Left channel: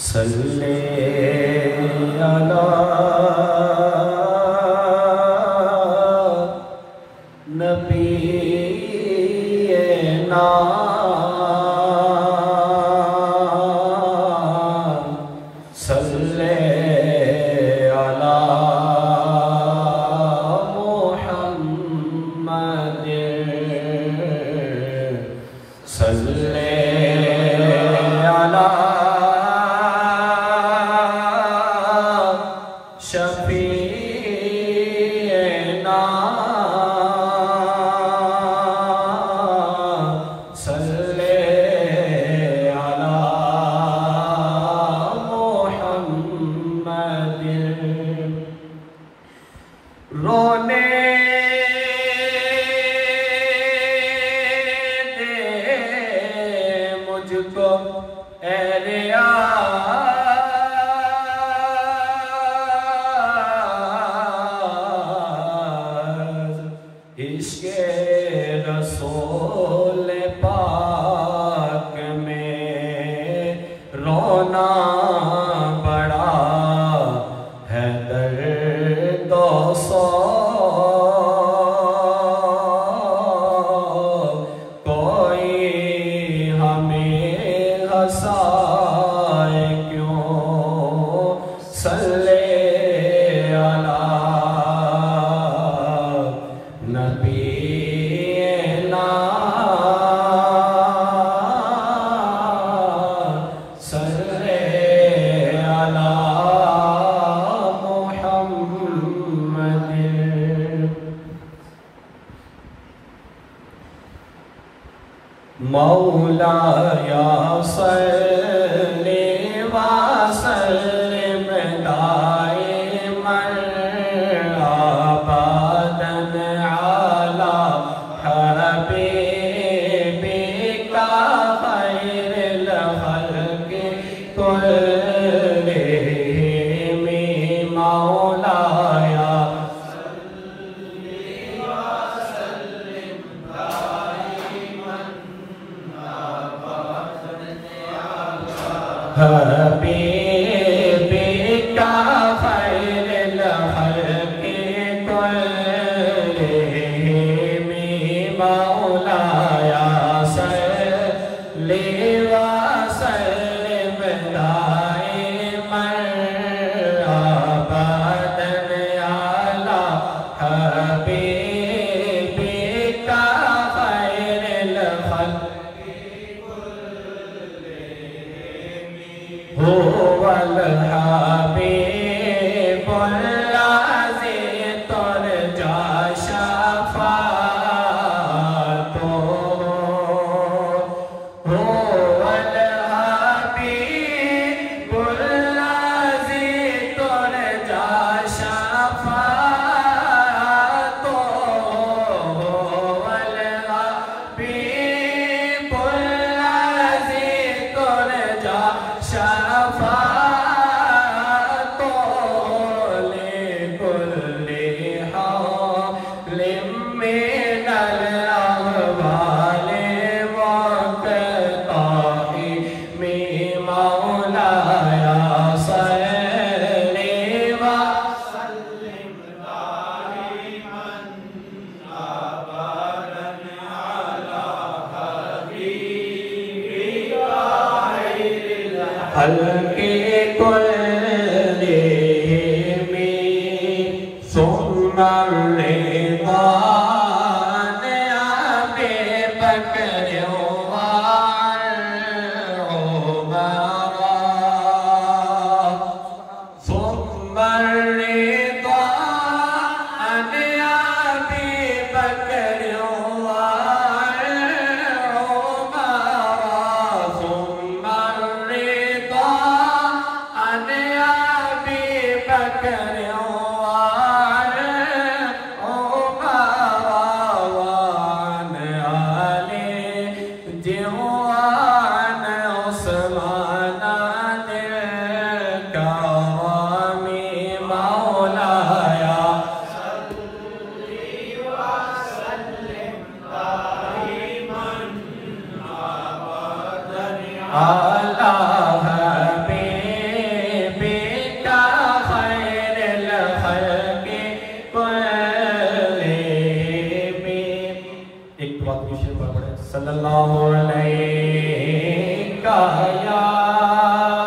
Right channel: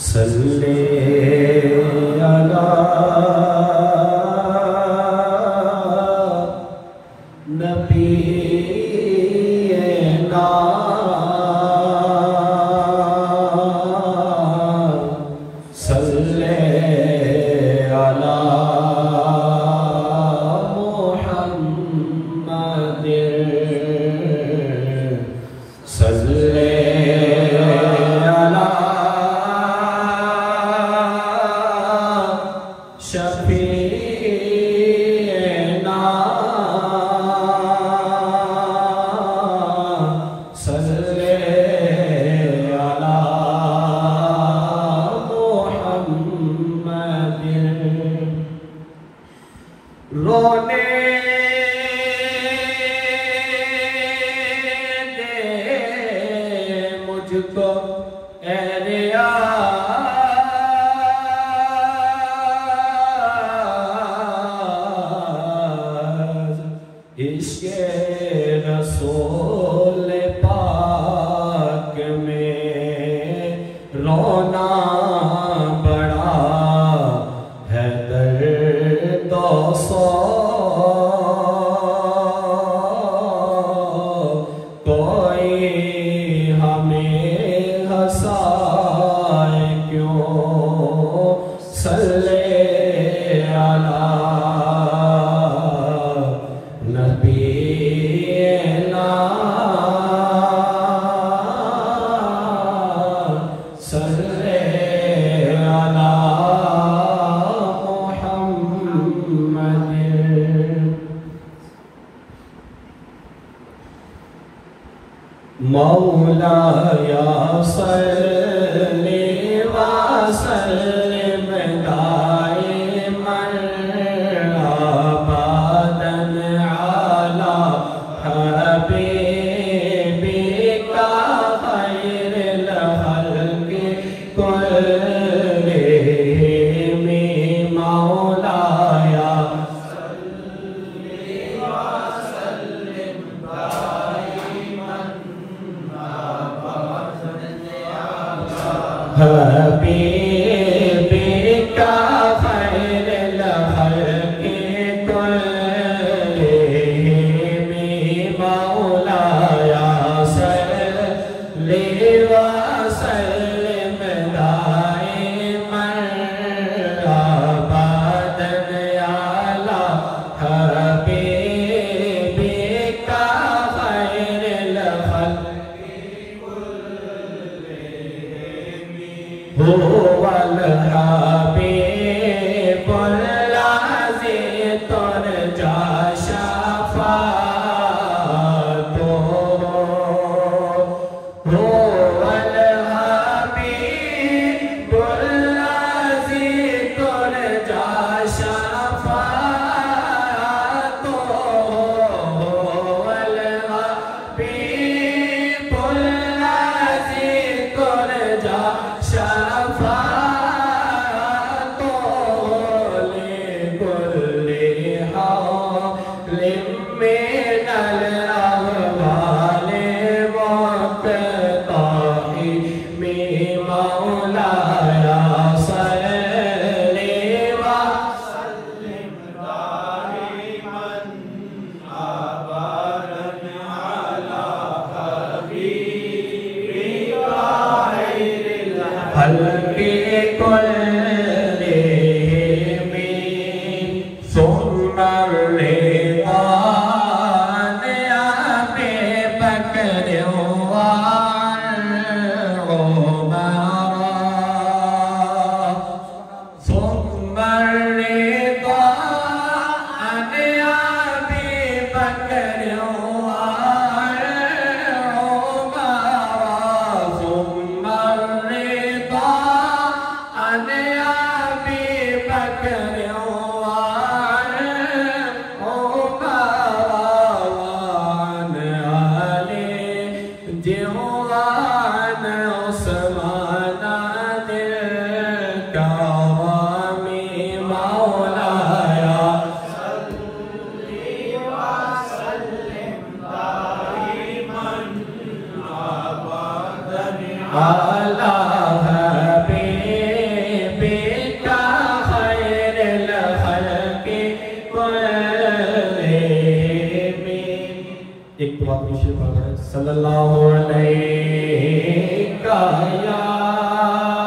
صلی علی نبینا صلی علی محمد صلی علی شفیعنا صلی علی محمد رونے دے مجھ کو اے عشق رسول پاک میں رونا بڑا ہے درد و سوگ کوئی ہمیں ہنسائے کیوں صلی علی نبینا صلی علی محمد مولایا صلی وسلم دائما ابدا علی حبیبک خیر الخلق كلهم مولایا صلی وسلم دائما حبیبک خیر الخلق كلهم مولایا صلی وسلم دائما ابدا علی حبیبک خیر الخلق هو الحبیب الذی ترجى شفاعته هو الحبیب الذی ترجى شفاعته هو الحبیب الذی ترجى شفاعته لكل حال من الأهوال والتقائم مولاي صلي وسلم دائما أبدا على حبيبك خير الخلق كلهم ثم الرضا عن أبي بكر وعمر ثم الرضا عن أبي بكر وعمر ثم الرضا عن دعا کی شفا پڑھیں صلی اللہ علیہ یا